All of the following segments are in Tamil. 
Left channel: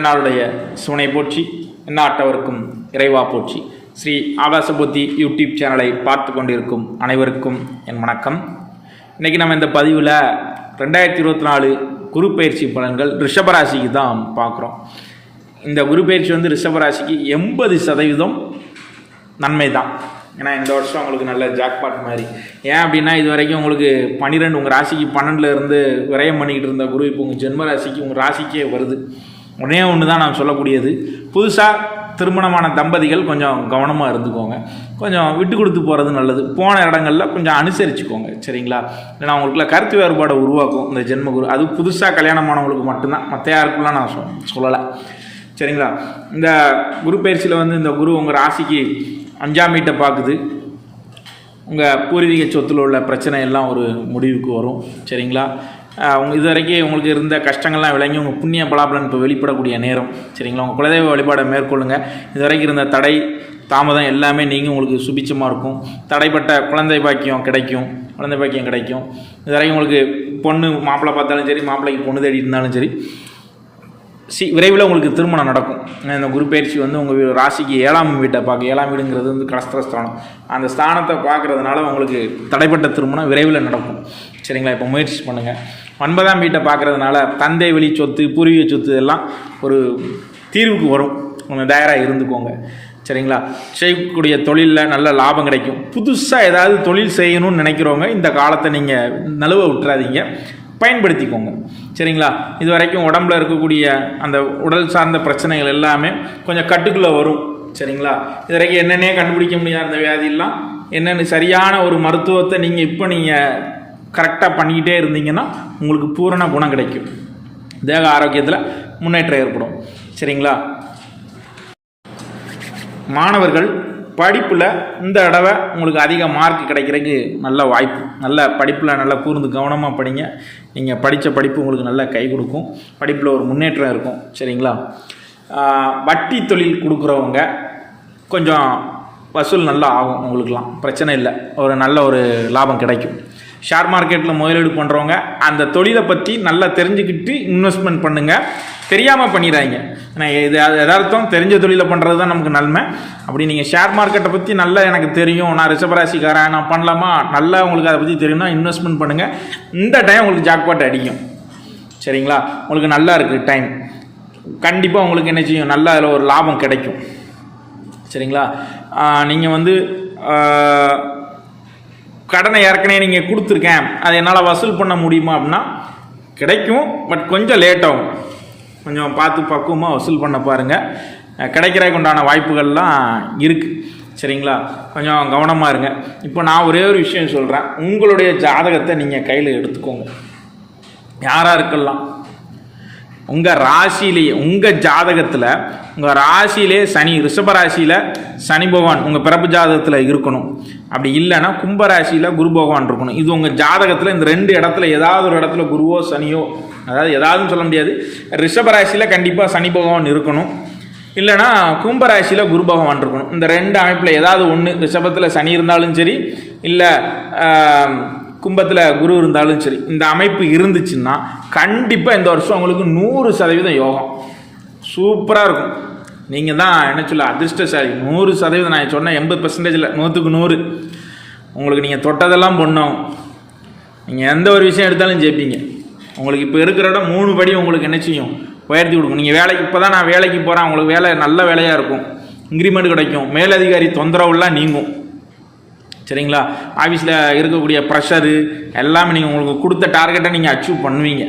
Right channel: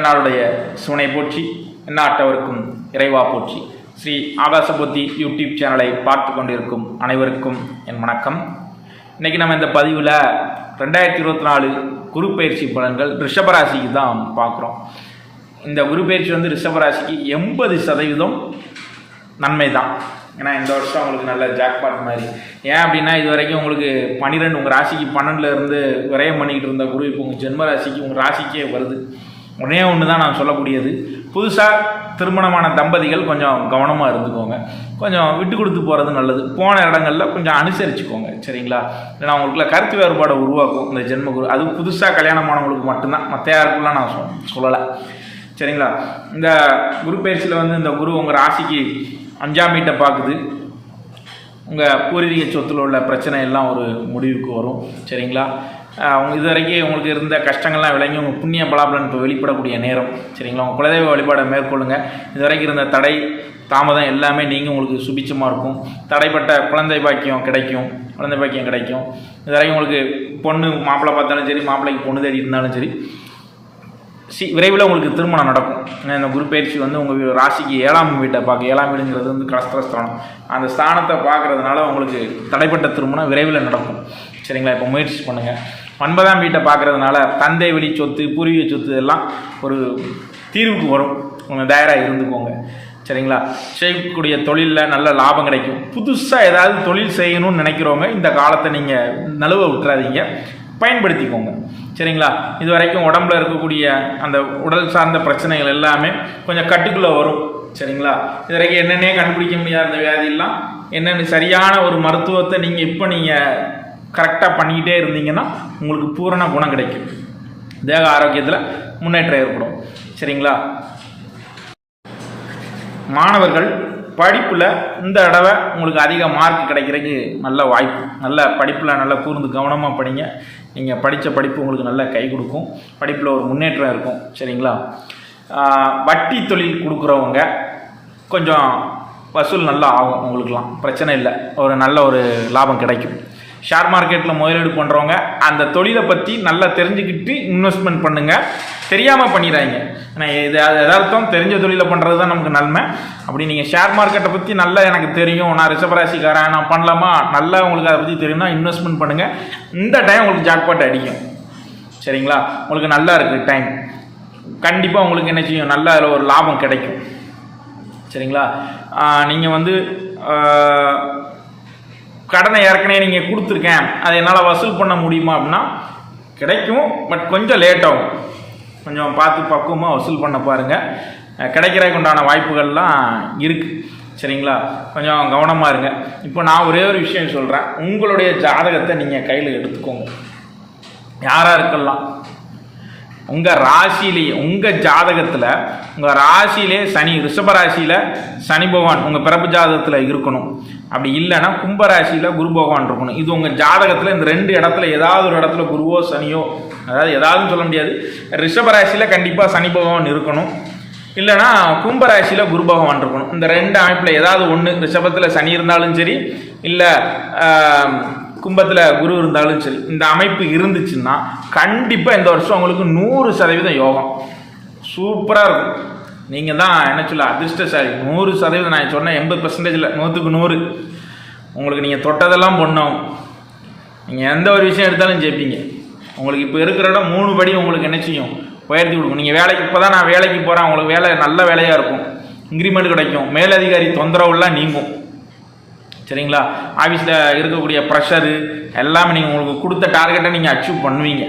நாளுடைய சுனை போற்றி எந்நாட்டவருக்கும் இறைவா போற்றி. ஸ்ரீ ஆகாசபுத்தி யூடியூப் சேனலை பார்த்து கொண்டிருக்கும் அனைவருக்கும் என் வணக்கம். இன்றைக்கி நம்ம இந்த பதிவில் ரெண்டாயிரத்தி இருபத்தி நாலு குரு பயிற்சி பலன்கள் ரிஷபராசிக்கு தான் பார்க்குறோம். இந்த குரு பயிற்சி வந்து ரிஷபராசிக்கு எண்பது சதவீதம் நன்மை தான். ஏன்னா இந்த வருஷம் உங்களுக்கு நல்ல ஜாக்பாட் மாதிரி. ஏன் அப்படின்னா இது வரைக்கும் உங்களுக்கு பன்னிரெண்டு உங்கள் ராசிக்கு பன்னெண்டுலேருந்து விரயம் பண்ணிக்கிட்டு இருந்த குரு இப்போ உங்கள் ஜென்ம ராசிக்கு உங்கள் ராசிக்கே வருது. ஒன்றே ஒன்று தான் நான் சொல்லக்கூடியது. புதுசாக திருமணமான தம்பதிகள் கொஞ்சம் கவனமாக இருந்துக்கோங்க. கொஞ்சம் விட்டு கொடுத்து போகிறது நல்லது. போன இடங்களில் கொஞ்சம் அனுசரிச்சுக்கோங்க. சரிங்களா? ஏன்னா அவங்களுக்குள்ள கருத்து வேறுபாடை உருவாக்கும். இந்த ஜென்ம குரு அது புதுசாக கல்யாணமானவங்களுக்கு மட்டும்தான். மற்ற யாருக்குலாம் நான் சொ சொல்லலை. சரிங்களா? இந்த குரு பயிற்சியில் வந்து இந்த குரு உங்கள் ராசிக்கு அஞ்சாம் வீட்டை பார்க்குது. உங்கள் பூர்வீக சொத்தில் உள்ள பிரச்சனை எல்லாம் ஒரு முடிவுக்கு வரும். சரிங்களா? அவங்க இது வரைக்கும் உங்களுக்கு இருந்த கஷ்டங்கள்லாம் விளங்கி உங்கள் புண்ணிய பலாபலன் இப்போ வெளிப்படக்கூடிய நேரம். சரிங்களா? உங்கள் குலதெய்வ வழிபாடை மேற்கொள்ளுங்க. இது வரைக்கும் இருந்த தடை தாமதம் எல்லாமே நீங்கள் உங்களுக்கு சுபிச்சமாக இருக்கும். தடைப்பட்ட குழந்தை பாக்கியம் கிடைக்கும். குழந்தை பாக்கியம் கிடைக்கும். இது வரைக்கும் உங்களுக்கு பொண்ணு மாப்பிள்ளை பார்த்தாலும் சரி மாப்பிள்ளைக்கு பொண்ணு தேடி இருந்தாலும் சரி சி விரைவில் உங்களுக்கு திருமணம் நடக்கும். இந்த குரு பயிற்சி வந்து உங்கள் ராசிக்கு ஏழாம் வீட்டை பார்க்க ஏழாம் வீடுங்கிறது வந்து கலஸ்திரஸ்தானம் அந்த ஸ்தானத்தை பார்க்குறதுனால உங்களுக்கு தடைப்பட்ட திருமணம் விரைவில் நடக்கும். சரிங்களா? இப்போ முயற்சி பண்ணுங்கள் ஒன்பதாம் வீட்டை பார்க்கறதுனால தந்தை வழி சொத்து பூர்வீக சொத்து எல்லாம் ஒரு தீர்வுக்கு வரும். உங்கள் தயாராக இருந்துக்கோங்க. சரிங்களா? செய்யக்கூடிய தொழிலில் நல்ல லாபம் கிடைக்கும். புதுசாக ஏதாவது தொழில் செய்யணும்னு நினைக்கிறவங்க இந்த காலத்தை நீங்கள் நழுவ விட்டுறாதீங்க. பயன்படுத்திக்கோங்க. சரிங்களா? இது வரைக்கும் உடம்புல இருக்கக்கூடிய அந்த உடல் சார்ந்த பிரச்சனைகள் எல்லாமே கொஞ்சம் கட்டுக்குள்ளே வரும். சரிங்களா? இது வரைக்கும் என்னென்னே கண்டுபிடிக்க முடியாத அந்த வியாதியெல்லாம் என்னென்ன சரியான ஒரு மருத்துவத்தை நீங்கள் இப்போ நீங்கள் கரெக்டாக பண்ணிக்கிட்டே இருந்தீங்கன்னா உங்களுக்கு பூரண குணம் கிடைக்கும். தேக ஆரோக்கியத்தில் முன்னேற்றம் ஏற்படும். சரிங்களா? மாணவர்கள் படிப்பில் இந்த தடவை உங்களுக்கு அதிக மார்க் கிடைக்கிறதுக்கு நல்ல வாய்ப்பு. நல்ல படிப்பில் நல்லா கூர்ந்து கவனமாக படிங்க. நீங்கள் படித்த படிப்பு உங்களுக்கு நல்லா கை கொடுக்கும். படிப்பில் ஒரு முன்னேற்றம் இருக்கும். சரிங்களா? வட்டி தொழில் கொடுக்குறவங்க கொஞ்சம் வசூல் நல்லா ஆகும் உங்களுக்குலாம் பிரச்சனை இல்லை. ஒரு நல்ல ஒரு லாபம் கிடைக்கும். ஷேர் மார்க்கெட்டில் முதலீடு பண்ணுறவங்க அந்த தொழிலை பற்றி நல்லா தெரிஞ்சுக்கிட்டு இன்வெஸ்ட்மெண்ட் பண்ணுங்கள் தெரியாமல் பண்ணிடுறாங்க ஏன்னா இது எதார்த்தம் தெரிஞ்ச தொழிலை பண்ணுறது தான் நமக்கு நன்மை. அப்படி நீங்கள் ஷேர் மார்க்கெட்டை பற்றி நல்லா எனக்கு தெரியும். நான் ரிஷபராசிக்காரன் நான் பண்ணலாமா? நல்லா உங்களுக்கு அதை பற்றி தெரியும்னா இன்வெஸ்ட்மெண்ட் பண்ணுங்கள் இந்த டைம் உங்களுக்கு ஜாக்பாட் அடிக்கும். சரிங்களா? உங்களுக்கு நல்லா இருக்குது டைம் கண்டிப்பாக உங்களுக்கு என்ன செய்யும்? நல்ல அதில் ஒரு லாபம் கிடைக்கும். சரிங்களா? நீங்கள் வந்து கடனை ஏற்கனவே நீங்கள் கொடுத்துருக்கேன். அதை என்னால் வசூல் பண்ண முடியுமா அப்படின்னா கிடைக்கும் பட் கொஞ்சம் லேட் ஆகும். கொஞ்சம் பார்த்து பக்குவமாக வசூல் பண்ண பாருங்கள் கிடைக்கிறதுக்கு உண்டான வாய்ப்புகள்லாம் இருக்குது சரிங்களா? கொஞ்சம் கவனமாக இருங்க. இப்போ நான் ஒரே ஒரு விஷயம் சொல்கிறேன் உங்களுடைய ஜாதகத்தை நீங்கள் கையில் எடுத்துக்கோங்க. யாராக இருக்கலாம். உங்கள் ராசியிலேயே உங்கள் ஜாதகத்தில் உங்கள் ராசியிலே சனி ரிஷபராசியில் சனி பகவான் உங்கள் பிறப்பு ஜாதகத்தில் இருக்கணும். அப்படி இல்லைன்னா கும்பராசியில் குரு பகவான் இருக்கணும். இது உங்கள் ஜாதகத்தில் இந்த ரெண்டு இடத்துல ஏதாவது ஒரு இடத்துல குருவோ சனியோ அதாவது ஏதாவதுன்னு சொல்ல முடியாது. ரிஷபராசியில் கண்டிப்பாக சனி பகவான் இருக்கணும். இல்லைன்னா கும்பராசியில் குரு பகவான் இருக்கணும். இந்த ரெண்டு அமைப்பில் ஏதாவது ஒன்று ரிஷபத்தில் சனி இருந்தாலும் சரி இல்லை கும்பத்தில் குரு இருந்தாலும் சரி இந்த அமைப்பு இருந்துச்சுன்னா கண்டிப்பாக இந்த வருஷம் உங்களுக்கு நூறு சதவீதம் யோகம். சூப்பராக இருக்கும். நீங்கள் தான் என்ன சொல்ல அதிர்ஷ்டசாலி. நூறு சதவீதம் நான் சொன்னேன் எண்பது பர்சன்டேஜில் நூற்றுக்கு நூறு. உங்களுக்கு நீங்கள் தொட்டதெல்லாம் பொண்ணாகும் நீங்கள் எந்த ஒரு விஷயம் எடுத்தாலும் ஜெயிப்பீங்க. உங்களுக்கு இப்போ இருக்கிற இடம் மூணு படி உங்களுக்கு என்ன செய்யும்? உயர்த்தி கொடுக்கும். நீங்கள் வேலைக்கு இப்போ தான் நான் வேலைக்கு போகிறேன் உங்களுக்கு வேலை நல்ல வேலையாக இருக்கும். இன்க்ரிமெண்ட் கிடைக்கும். மேலதிகாரி தொந்தரவுலாம் நீங்கும். சரிங்களா? ஆஃபீஸில் இருக்கக்கூடிய ப்ரெஷரு எல்லாமே நீங்கள் உங்களுக்கு கொடுத்த டார்கெட்டை நீங்கள் அச்சீவ் பண்ணுவீங்க.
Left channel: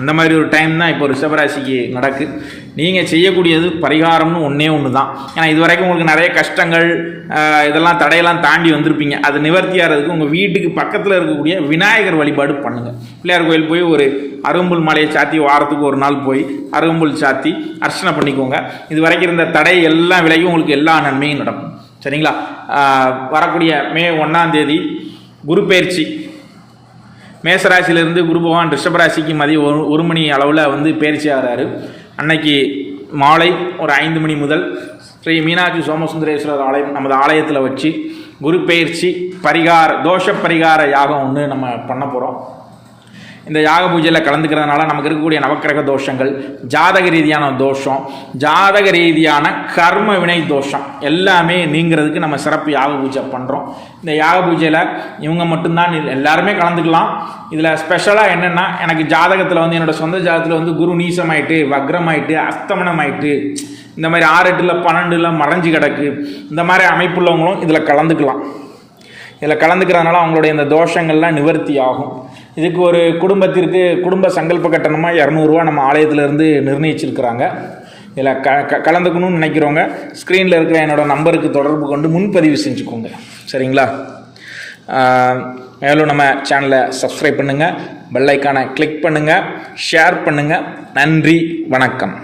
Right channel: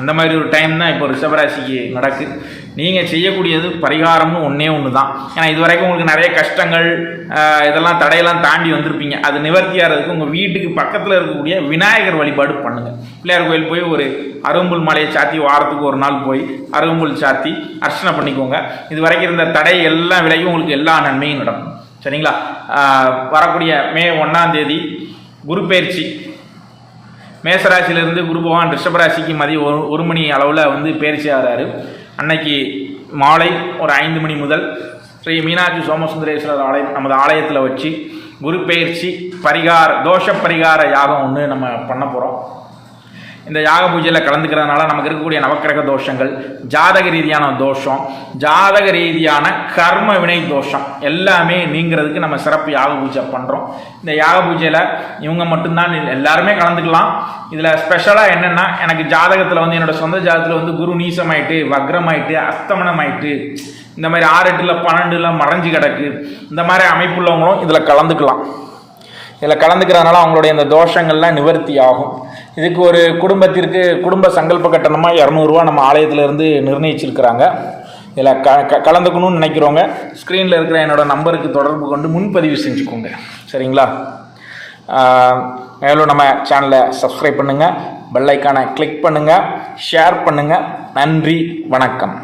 அந்த மாதிரி ஒரு டைம் தான் இப்போ ரிஷபராசிக்கு நடக்கு. நீங்கள் செய்யக்கூடியது பரிகாரம்னு ஒன்றே ஒன்று தான் ஏன்னா இது வரைக்கும் உங்களுக்கு நிறைய கஷ்டங்கள் இதெல்லாம் தடையெல்லாம் தாண்டி வந்திருப்பீங்க. அது நிவர்த்தி ஆகிறதுக்கு உங்கள் வீட்டுக்கு பக்கத்தில் இருக்கக்கூடிய விநாயகர் வழிபாடு பண்ணுங்கள் பிள்ளையார் கோயில் போய் ஒரு அரும்புல் மலையை சாத்தி வாரத்துக்கு ஒரு நாள் போய் அரும்புல் சாத்தி அர்ச்சனை பண்ணிக்கோங்க. இது வரைக்கும் இருந்த தடை எல்லாம் விலகி உங்களுக்கு எல்லா நன்மையும் நடக்கும். சரிங்களா? வரக்கூடிய மே ஒன்றாம் தேதி குரு பயிற்சி. மேசராசியிலேருந்து குரு பகவான் ரிஷபராசிக்கு மதியம் ஒரு ஒரு மணி அளவில் வந்து பயிற்சி ஆகிறாரு அன்னைக்கு மாலை ஒரு ஐந்து மணி முதல் ஸ்ரீ மீனாட்சி சோமசுந்தரேஸ்வரர் ஆலயம் நமது ஆலயத்தில் வச்சு குரு பயிற்சி பரிகார தோஷ பரிகார யாகம் ஒன்று நம்ம பண்ண போகிறோம் இந்த யாக பூஜையில் கலந்துக்கிறதுனால நமக்கு இருக்கக்கூடிய நவக்கிரக தோஷங்கள் ஜாதக ரீதியான தோஷம் ஜாதக ரீதியான கர்ம வினை தோஷம் எல்லாமே நீங்கிறதுக்கு நம்ம சிறப்பு யாக பூஜை பண்ணுறோம் இந்த யாக பூஜையில் இவங்க மட்டும்தான் எல்லாருமே கலந்துக்கலாம். இதில் ஸ்பெஷலாக என்னென்னா எனக்கு ஜாதகத்தில் வந்து என்னோடய சொந்த ஜாதகத்தில் வந்து குரு நீசமாயிட்டு வக்ரமாயிட்டு அஸ்தமனமாயிட்டு இந்த மாதிரி ஆறு எட்டில் பன்னெண்டுல மறைஞ்சு கிடக்கு. இந்த மாதிரி அமைப்புள்ளவங்களும் இதில் கலந்துக்கலாம். இதில் கலந்துக்கிறதுனால அவங்களுடைய இந்த தோஷங்கள்லாம் நிவர்த்தி ஆகும் இதுக்கு ஒரு குடும்பத்திற்கு குடும்ப சங்கல்ப கட்டணமாக இரநூறுவா நம்ம ஆலயத்திலேருந்து நிர்ணயிச்சிருக்கிறாங்க. இதில் க க கலந்துக்கணும்னு நினைக்கிறவங்க ஸ்க்ரீனில் இருக்கிற என்னோடய நம்பருக்கு தொடர்பு கொண்டு முன்பதிவு செஞ்சுக்கோங்க. சரிங்களா? மேலும் நம்ம சேனலை சப்ஸ்கிரைப் பண்ணுங்கள் பெல்லைக்கானை கிளிக் பண்ணுங்கள் ஷேர் பண்ணுங்கள் நன்றி வணக்கம்.